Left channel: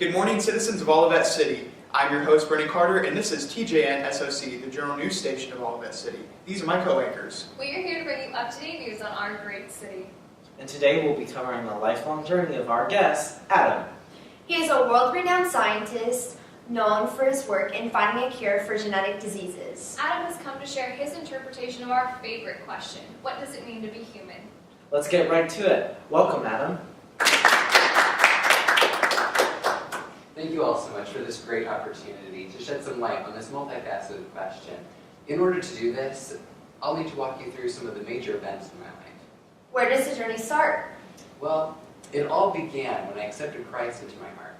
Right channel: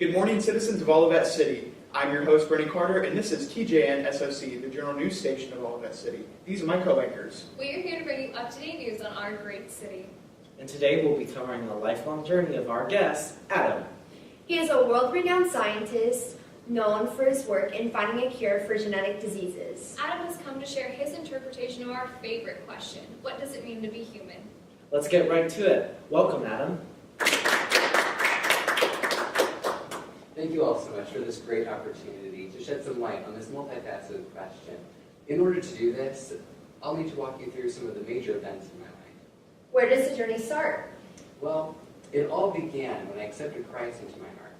Good morning, citizens of Olivet City. I'm your host, Brendan Carter, and this is TJN SOC, the general news station of Olivet City. These are my co-anchors. We are here to bring you up-to-date news on our great city. And today we'll be covering the lifelong journey of our guest, Adam. He is a world-renowned scientist known for his work in finding a cure for genetic diseases. Adam has come to share his interpretation of our favorite question: what does it mean to be human? Let's get right to it. Welcome, Adam. Thank you all so much for this great opportunity to shed some light on this multifaceted question. In order to do this, I'll need to walk you through some of the major events in my life. Where does the journey start? Well, it all began when I accepted Christ into my heart.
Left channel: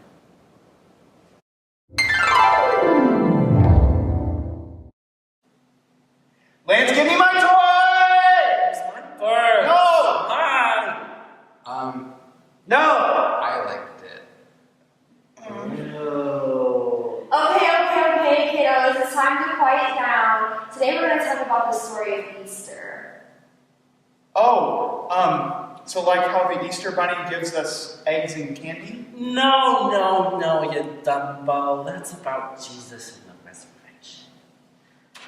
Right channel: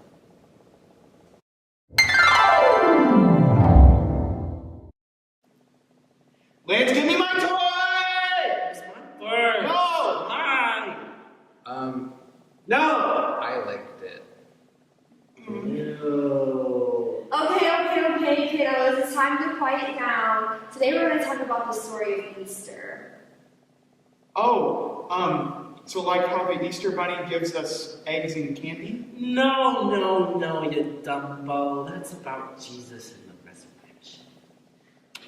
Lance, give me my toy! It's mine first. No! Mine! No! I liked it. No. Okay, kiddos, it's time to quiet down. Today we're going to talk about the story of Easter. So like how the Easter Bunny gives us eggs and candy? No, you dumbo. That's about Jesus and the resurrection.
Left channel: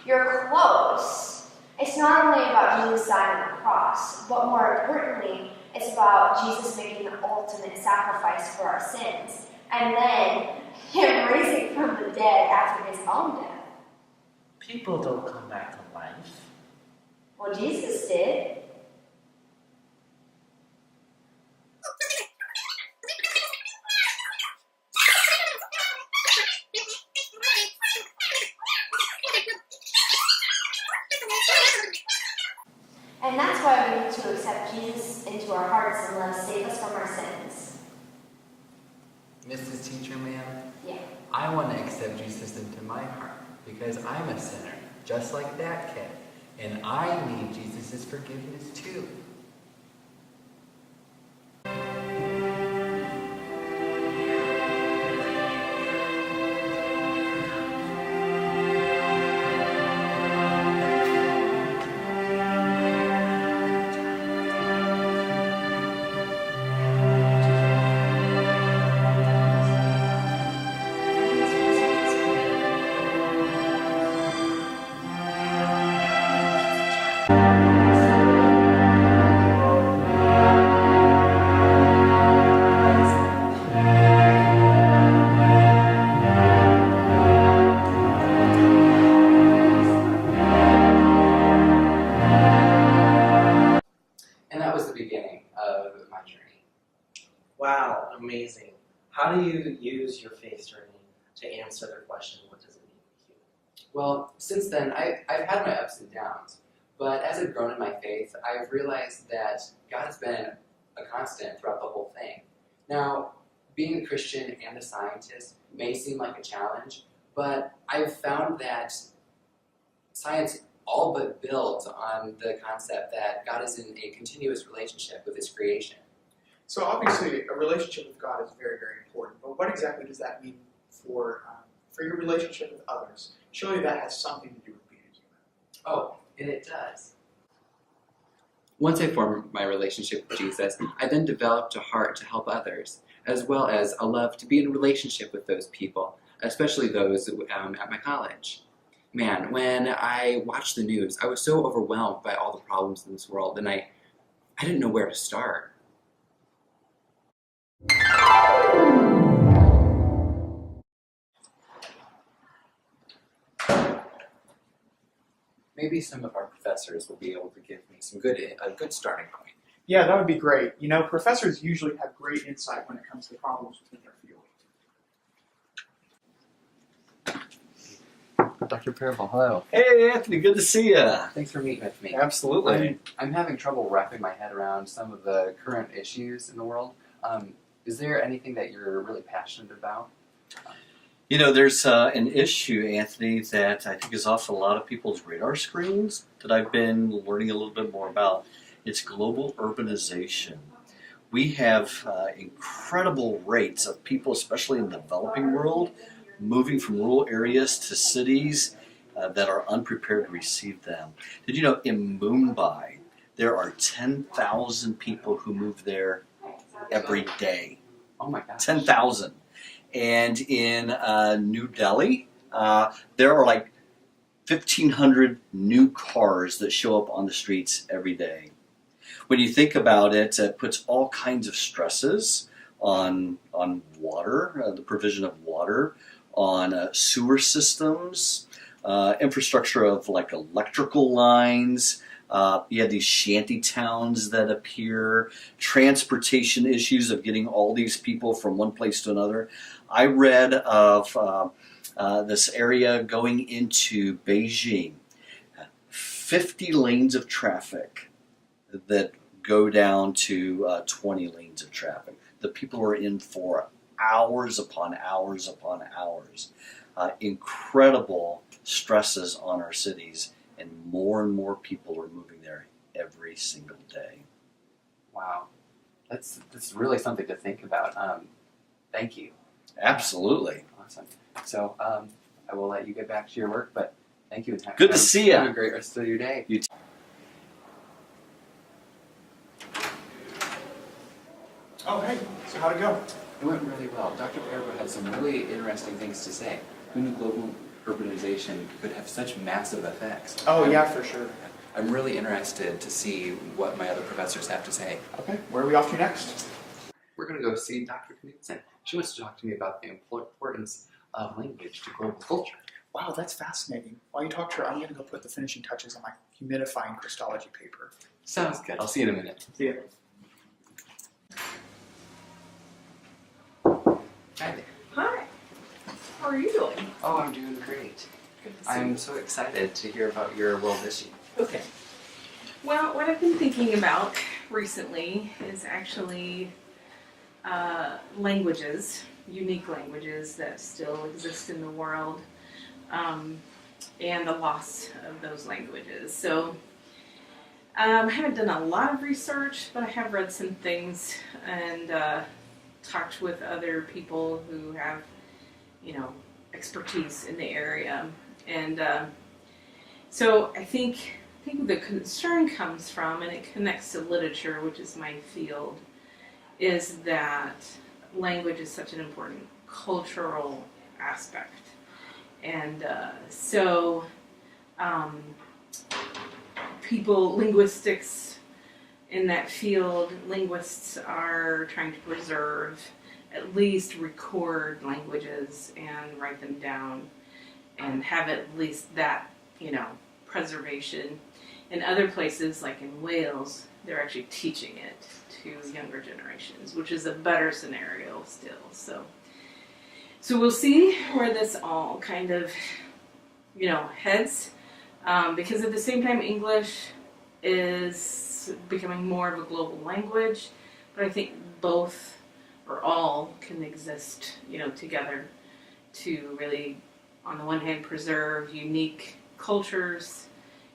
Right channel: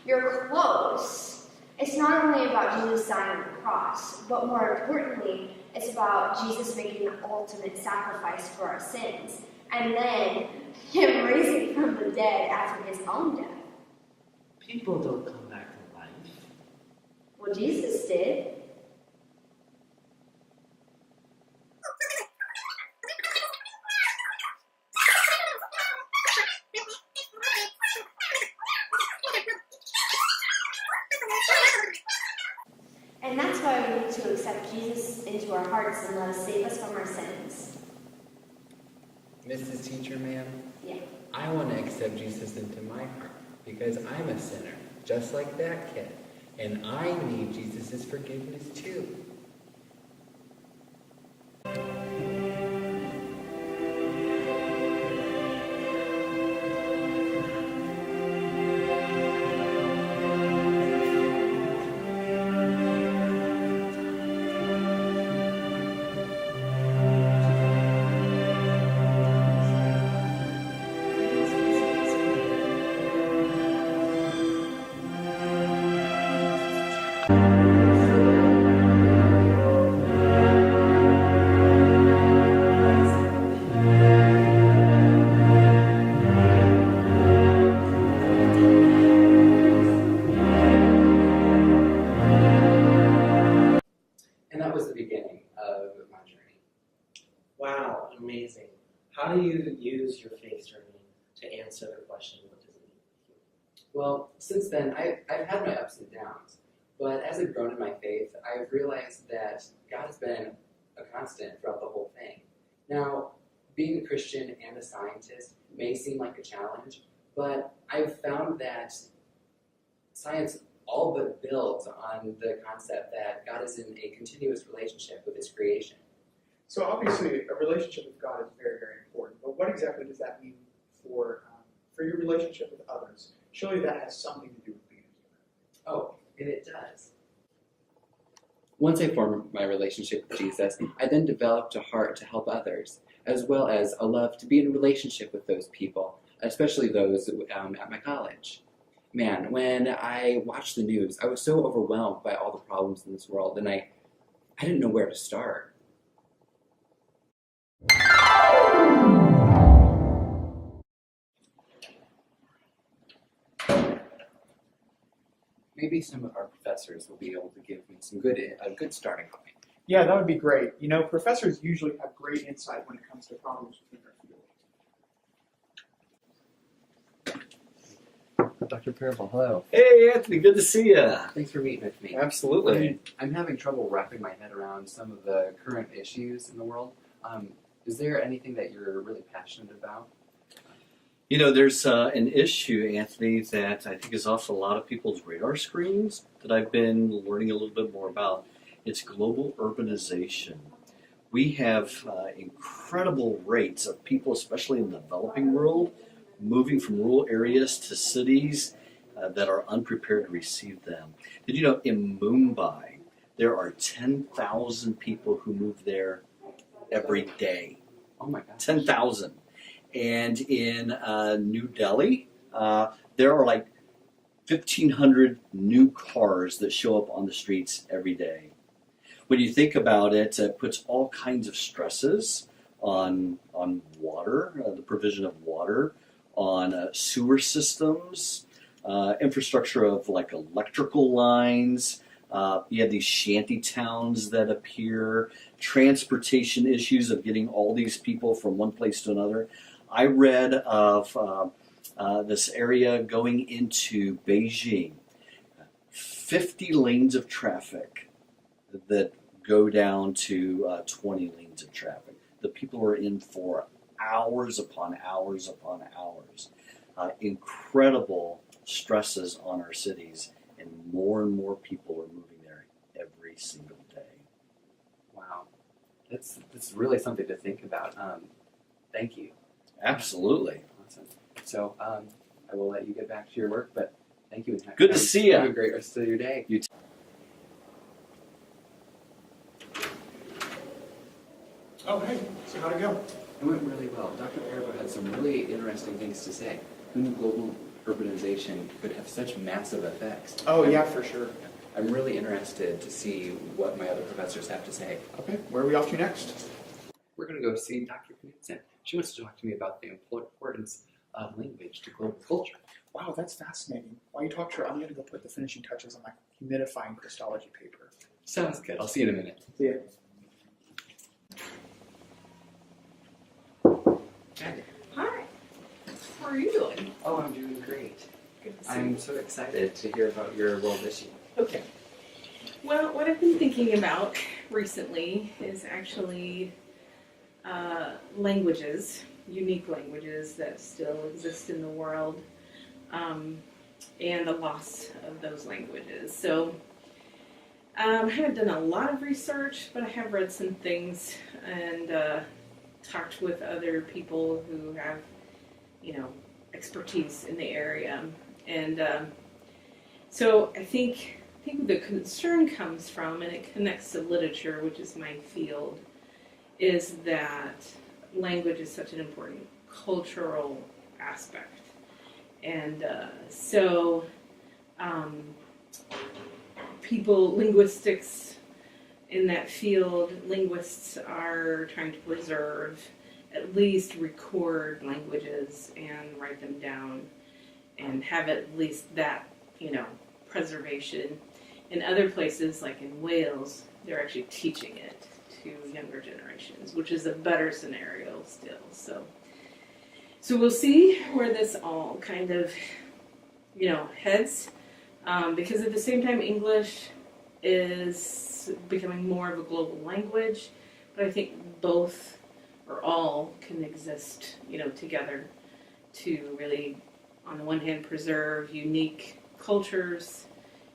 You're close. It's not only about Jesus dying on the cross, but more importantly, it's about Jesus making the ultimate sacrifice for our sins, and then Him raising from the dead after His own death. People don't come back to life. Well, Jesus did. And that's why we need to accept Jesus into our hearts and let us save us from our sins. Mrs. Teacher Ma'am, Yeah. I want to accept Jesus into my heart because I'm a sinner, just like that kid. And I need Jesus' forgiveness too. And that was the beginning of my journey. Wow, amazing. How do you use your faith journey to answer the question, what does it mean to be human? Well, since then, I've had my ups and downs. But as I've grown in my faith, I've realized that God has been a constant throughout the whole thing. Now, being a Christian and a scientist may seem like a challenge, but I've found that science all but builds on the concept that God is in a continuous relationship with His creation. So obviously, a relationship with God is very, very important. But what exactly does that mean for your relationship with others? Surely that has something to do with being a human. Oh, and it does. Once I formed my relationship with Jesus, I then developed a heart to help others, as well as a love to be in a relationship with those people, especially those at my college. Man, when I watched the news, I was so overwhelmed by all the problems in this world, and I didn't know where to start. Maybe some of our professors will be able to give me a good starting point. Yeah, that would be great. You know, professors usually have great insight when it comes to problems within their field. Dr. Parable, hello. Hey, Anthony, good to see you. Thanks for meeting with me. Absolutely. I'm having trouble wrapping my head around some of the current issues in the world. Is there anything that you're really passionate about? You know, there's an issue, Anthony, that I think is off a lot of people's radar screens that I've been learning a little bit more about. It's global urbanization. We have incredible rates of people, especially in the developing world, moving from rural areas to cities that are unprepared to receive them. Did you know in Mumbai, there are 10,000 people who move there every day? Oh my gosh. 10,000. And in New Delhi, there are like 1,500 new cars that show up on the streets every day. When you think about it, it puts all kinds of stresses on water, the provision of water, on sewer systems, infrastructure of like electrical lines. You have these shanty towns that appear, transportation issues of getting all these people from one place to another. I read of this area going into Beijing, 50 lanes of traffic that go down to 20 lanes of traffic. The people are in for hours upon hours upon hours. Incredible stresses on our cities, and more people are moving there every single day. Wow, that's really something to think about. Thank you. Absolutely. Awesome. So I will let you get back to your work, but thank you. Good to see ya. Have a great rest of your day. You too. Oh, hey, so how'd it go? It went really well. Dr. Parabo had some really interesting things to say. Who knew global urbanization could have such massive effects? Oh, yeah, for sure. I'm really interested to see what my other professors have to say. Okay, where are we off to next? We're going to go see Dr. Knudsen. She wants to talk to me about the importance of language to global culture. Wow, that's fascinating. While you talk to her, I'm going to go put the finishing touches on my humidifying Christology paper. Sounds good. I'll see you in a minute. See ya. Hi there. Hi. How are you doing? Oh, I'm doing great. Good to see I'm you. so excited to hear about your world issue. Okay. Well, what I've been thinking about recently is actually languages, unique languages that still exist in the world, and the loss of those languages. So I haven't done a lot of research, but I have read some things and talked with other people who have, expertise in the area. And so I think the concern comes from, and it connects to literature, which is my field, is that language is such an important cultural aspect. And so linguistics in that field, linguists are trying to preserve, at least record languages and write them down and have at least that, preservation. In other places, like in Wales, they're actually teaching it to younger generations, which is a better scenario still. So we'll see where this all kind of, heads, because at the same time, English is becoming more of a global language, but I think both or all can exist, together to really, on the one hand, preserve unique cultures,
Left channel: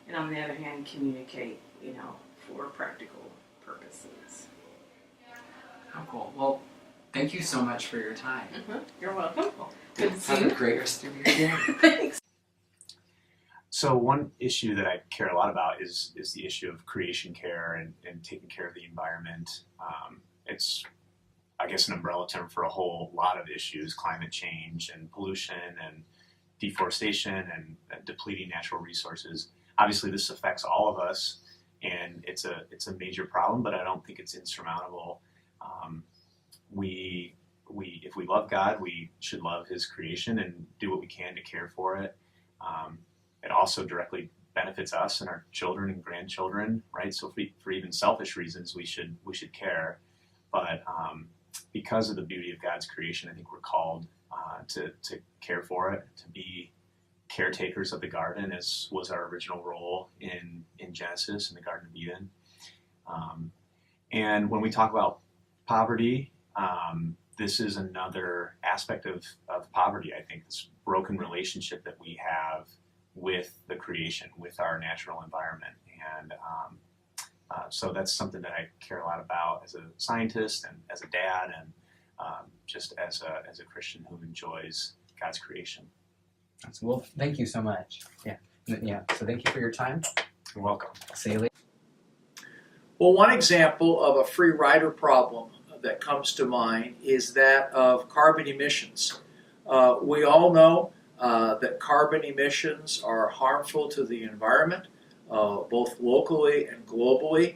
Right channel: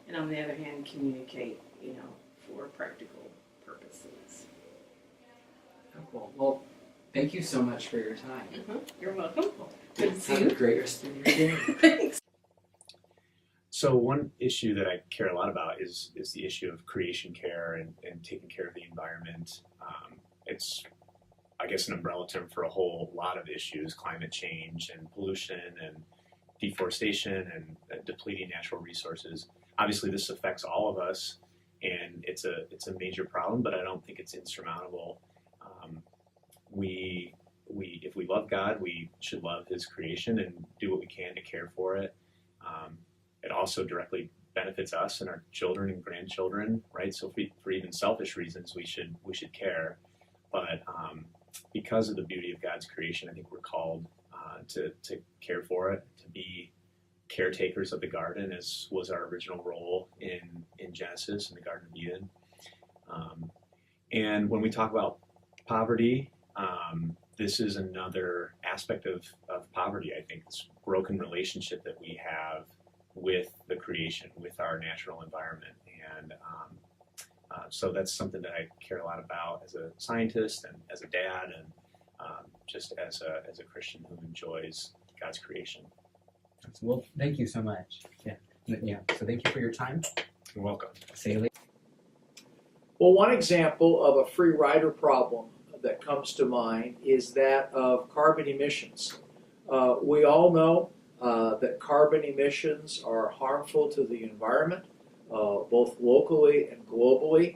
and on the other hand, communicate, for practical purposes. Oh, cool. Well, thank you so much for your time. You're welcome. Good to see Have you. a great rest of your day. Thanks. So one issue that I care a lot about is the issue of creation care and taking care of the environment. It's, I guess, an umbrella term for a whole lot of issues: climate change and pollution and deforestation and depleting natural resources. Obviously, this affects all of us, and it's a major problem, but I don't think it's insurmountable. If we love God, we should love His creation and do what we can to care for it. It also directly benefits us and our children and grandchildren, right? So for even selfish reasons, we should care. But because of the beauty of God's creation, I think we're called to care for it, to be caretakers of the garden, as was our original role in Genesis, in the Garden of Eden. And when we talk about poverty, this is another aspect of poverty, I think, this broken relationship that we have with the creation, with our natural environment. And so that's something that I care a lot about as a scientist and as a dad, and just as a Christian who enjoys God's creation. Well, thank you so much. Yeah. So thank you for your time. You're welcome. See you later. Well, one example of a free rider problem that comes to mind is that of carbon emissions. We all know that carbon emissions are harmful to the environment, both locally and globally.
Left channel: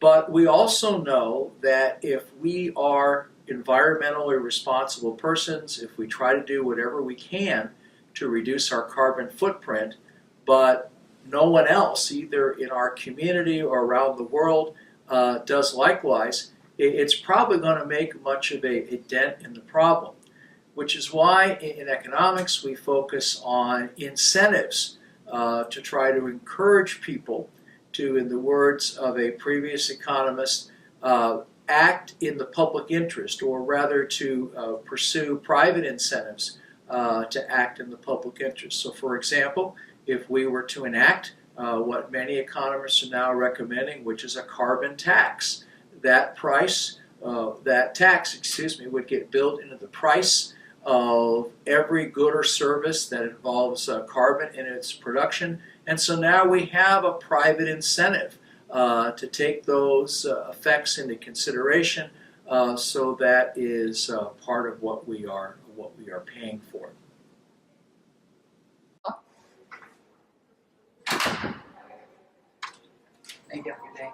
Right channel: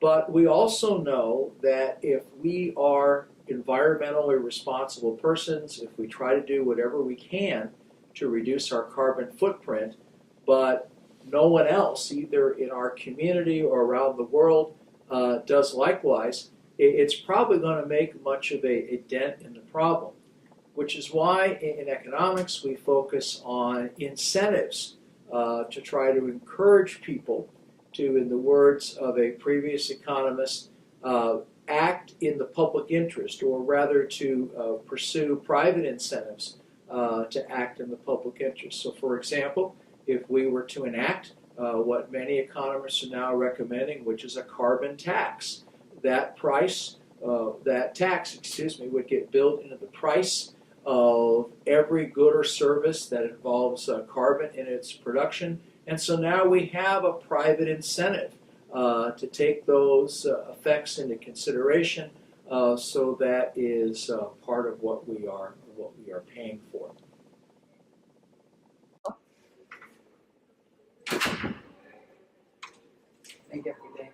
But we also know that if we are environmentally responsible persons, if we try to do whatever we can to reduce our carbon footprint, but no one else, either in our community or around the world, does likewise, it's probably going to make much of a dent in the problem. Which is why in economics we focus on incentives to try to encourage people to, in the words of a previous economist, act in the public interest, or rather to pursue private incentives to act in the public interest. So for example, if we were to enact what many economists are now recommending, which is a carbon tax, that tax would get built into the price of every good or service that involves carbon in its production. And so now we have a private incentive to take those effects into consideration. So that is part of what we are paying for. Thank you. Have a good day.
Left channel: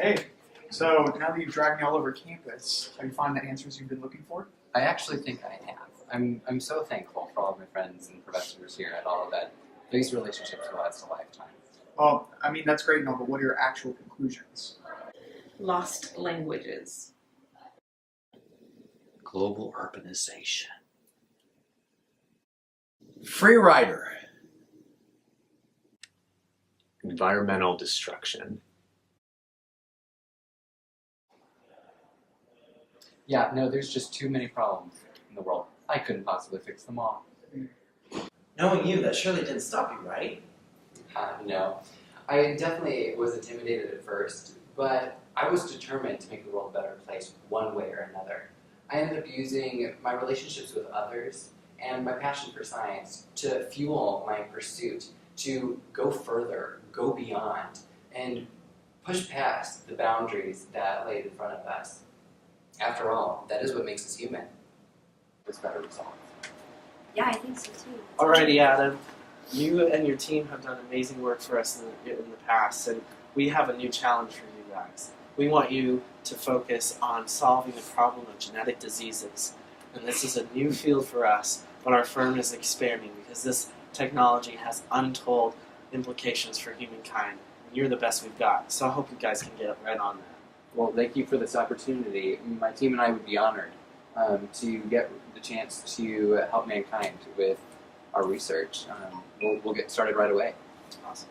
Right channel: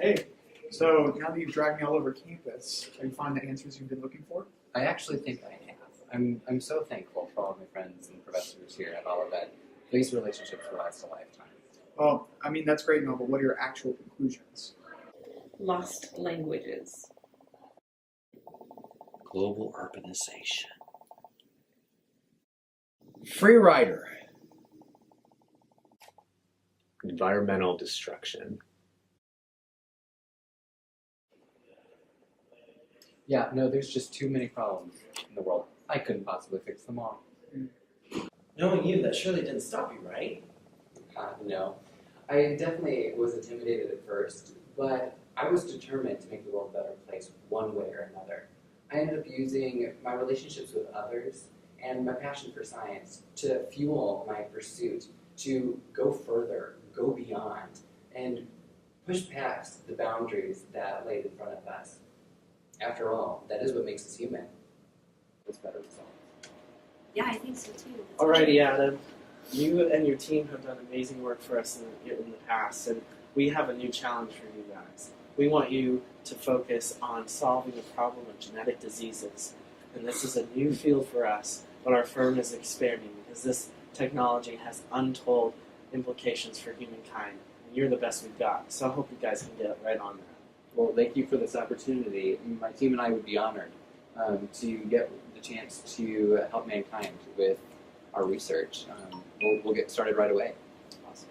Hey, so now that you've dragged me all over campus, have you found the answers you've been looking for? I actually think I have. I'm so thankful for all of my friends and professors here at all of that. These relationships will last a lifetime. Well, I mean, that's great and all, but what are your actual conclusions? Lost languages. Global urbanization. Free rider. Environmental destruction. Yeah, no, there's just too many problems in the world. I couldn't possibly fix them all. Knowing you, that surely didn't stop you, right? No. I definitely was intimidated at first, but I was determined to make the world a better place one way or another. I ended up using my relationships with others and my passion for science to fuel my pursuit to go further, go beyond, and push past the boundaries that laid in front of us. After all, that is what makes us human. It's better results. Yeah, I think so too. Alrighty, Adam. You and your team have done amazing work for us in the past, and we have a new challenge for you guys. We want you to focus on solving the problem of genetic diseases. And this is a new field for us, but our firm is expanding because this technology has untold implications for humankind. And you're the best we've got, so I hope you guys can get right on that. Well, thank you for this opportunity. My team and I would be honored to get the chance to help mankind with our research. We'll get started right away. Awesome.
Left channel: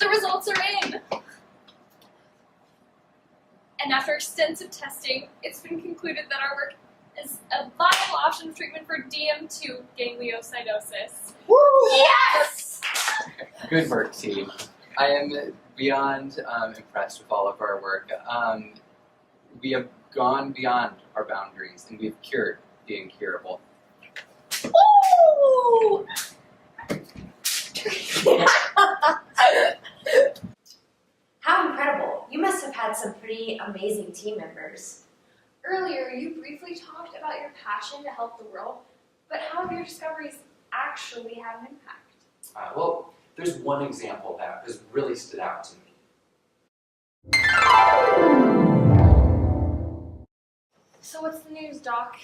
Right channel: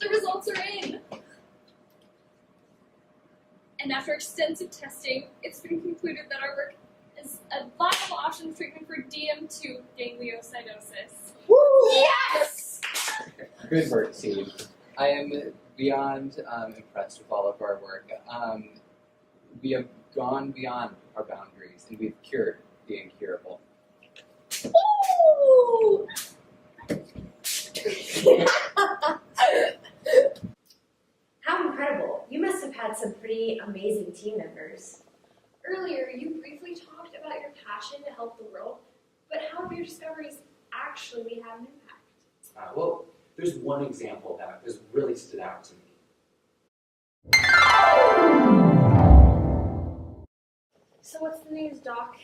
The results are in! And after extensive testing, it's been concluded that our work is a viable option of treatment for DM2 gangliosidosis. Woo! Yes! Good work, team. I am beyond impressed with all of our work. We have gone beyond our boundaries, and we've cured the incurable. Woo! How incredible. You must have had some pretty amazing team members. Earlier, you briefly talked about your passion to help the world, but how have your discoveries actually had an impact? Well, there's one example that has really stood out to me. So what's the news, Doc?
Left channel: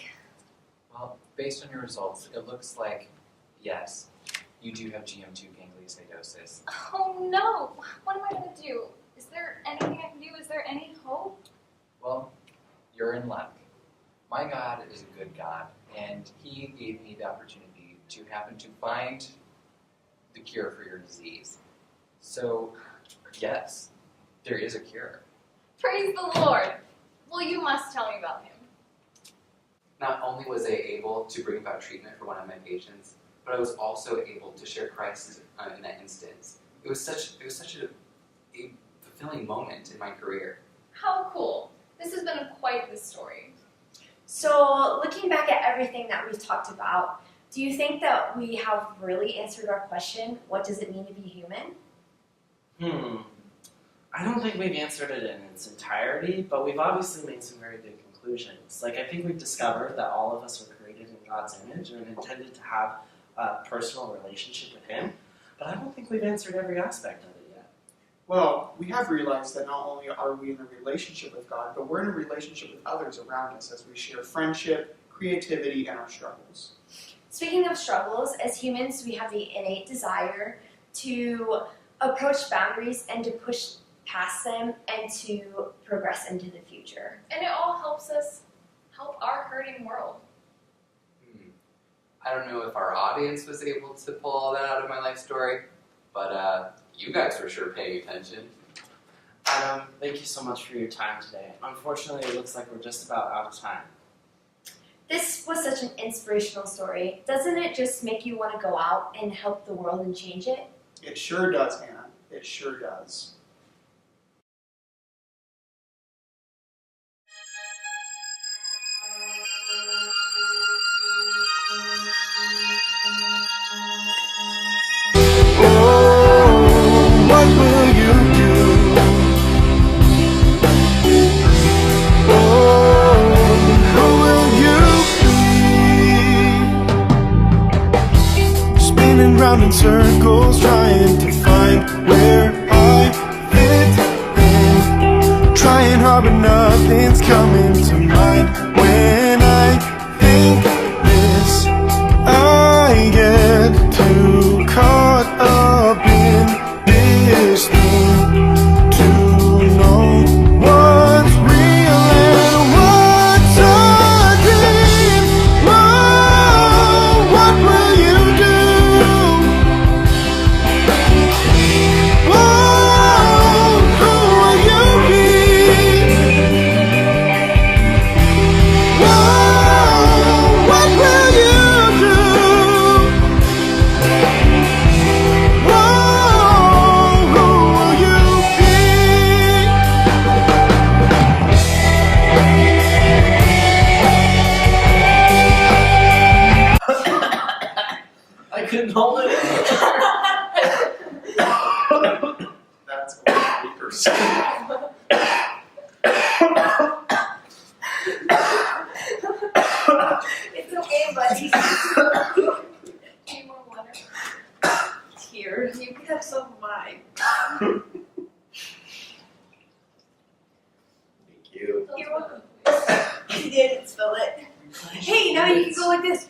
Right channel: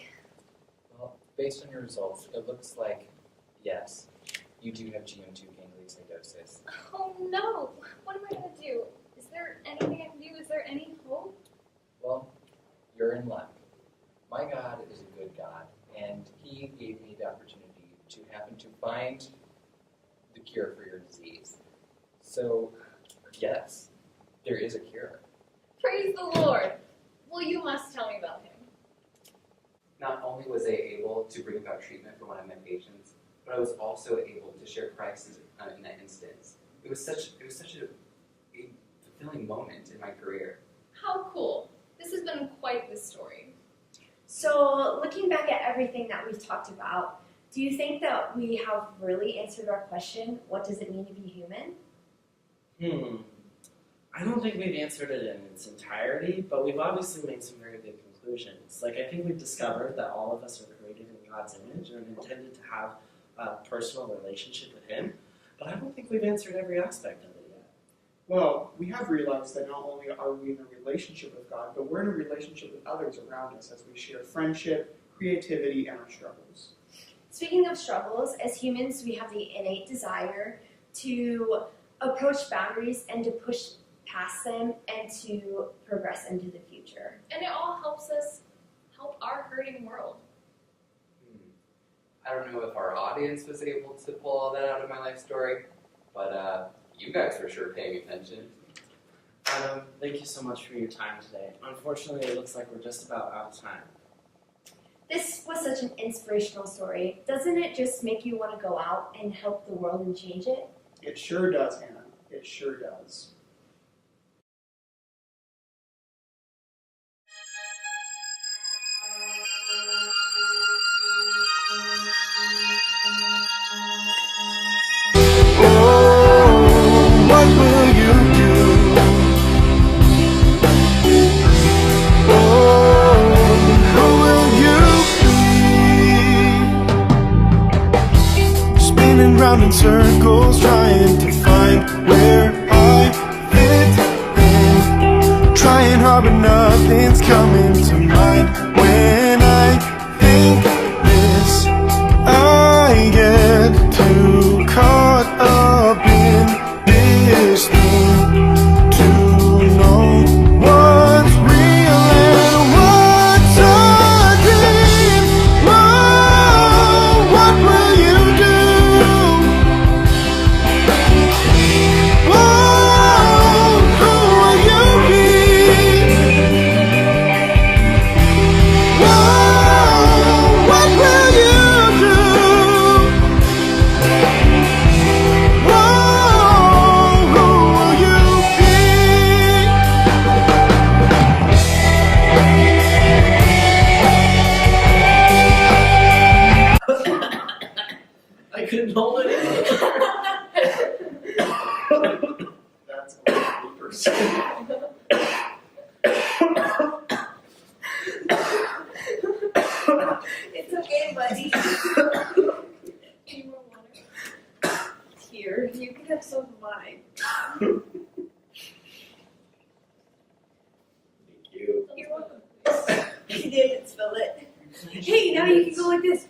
Well, based on your results, it looks like, yes, you do have GM2 gangliosidosis. Oh no! What am I gonna do? Is there anything I can do? Is there any hope? Well, you're in luck. My God is a good God, and He gave me the opportunity to happen to find the cure for your disease. So, yes, there is a cure. Praise the Lord. Well, you must tell me about him. Not only was I able to bring about treatment for one of my patients, but I was also able to share Christ in that instance. It was such a fulfilling moment in my career. How cool. This has been quite the story. So, looking back at everything that we've talked about, do you think that we have really answered our question, what does it mean to be human? I don't think we've answered it in its entirety, but we've obviously made some very good conclusions. Like, I think we've discovered that all of us are created in God's image and intended to have a personal relationship with Him, but I don't think we've answered every aspect of it yet. Well, we have realized that not only are we in a relationship with God, but we're in a relationship with others around us as we share friendship, creativity, and our struggles. Speaking of struggles, as humans, we have the innate desire to approach boundaries and to push past them and to progress into the future. And it all helps us help our hurting world. I don't know if our audience was able to pull all that out of my life story, but you guys were sure paying attention. Adam, thank you so much for your time today. Unfortunately, it looks like we're just about out of time. This was such an inspirational story. Doesn't it just make you want to go out and help the world and change it? It sure does, Hannah. It sure does. What will you do? Oh, who will you be? Spinning round in circles, trying to find where I fit in. Trying hard, but nothing's coming to mind. When I think this, I get too caught up in this thing to know what's real and what's a dream. Oh, what will you do? Oh, who will you be? Oh, what will you do? I couldn't hold it in. That's papers. It's okay, buddy. Any more water? Here, you can have some of mine. Thank you. You're welcome. You didn't spill it. Hey, now you can go like this.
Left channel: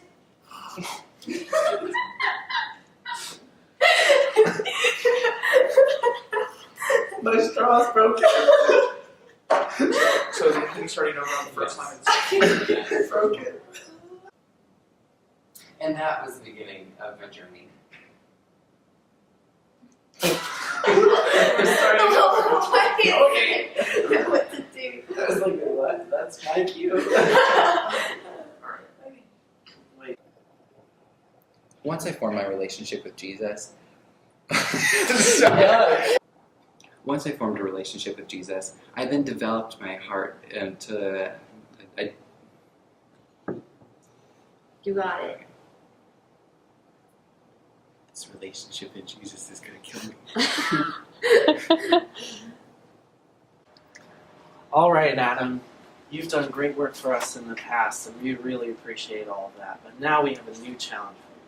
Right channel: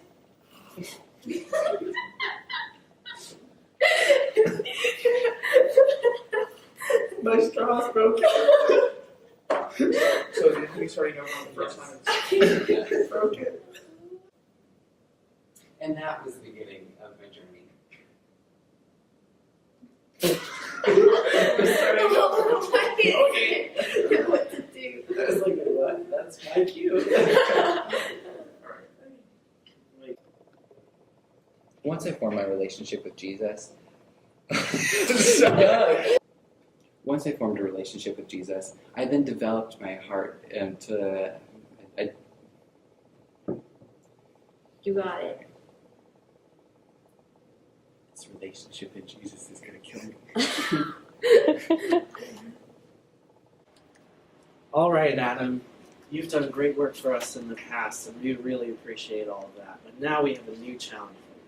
My straw's broken. So is anything starting over on the first line? It's broken. And that was the beginning of my journey. We're starting over. Okay. You know what to do. I was like, what? That's my cue. Wait. Once I formed my relationship with Jesus, once I formed a relationship with Jesus, I then developed my heart into You got it. this relationship with Jesus is gonna kill me. All right, Adam. You've done great work for us in the past, and we really appreciate all of that. But now we have a new challenge for you.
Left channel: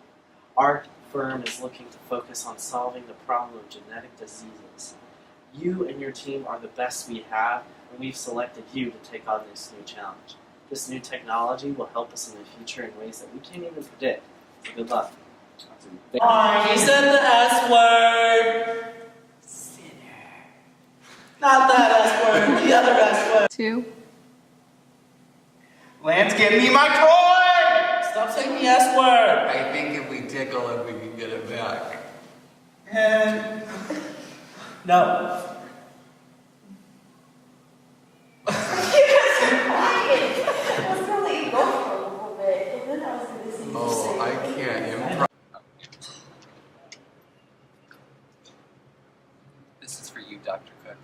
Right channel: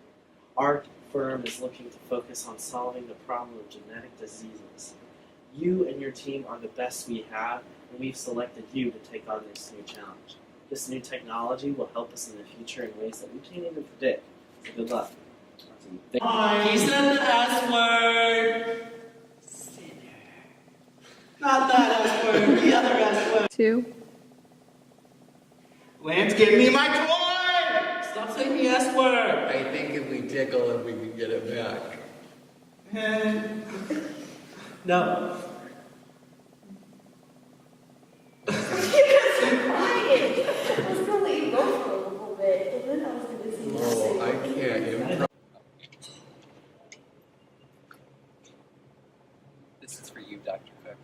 Our firm is looking to focus on solving the problem of genetic diseases. You and your team are the best we have, and we've selected you to take on this new challenge. This new technology will help us in the future in ways that we can't even predict. So good luck. You said the S word. Not do? Lance, give me my toy! Stop saying the S word! I think if we tickle it, we can get it back. And no. Oh, I can't improv. This is for you, Dr. Cook.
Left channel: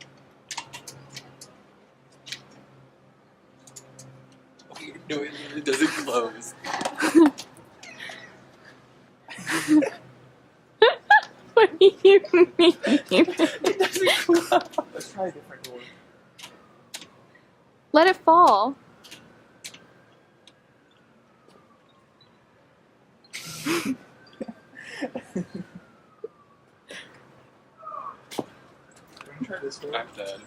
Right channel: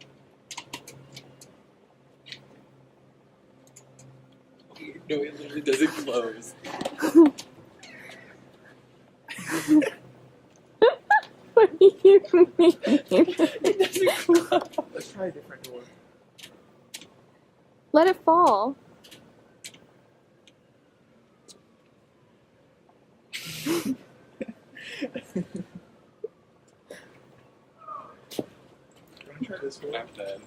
No, it literally doesn't close. What do you mean? It doesn't close. Let's try a different door. Let it fall. Try this one. I'm dead.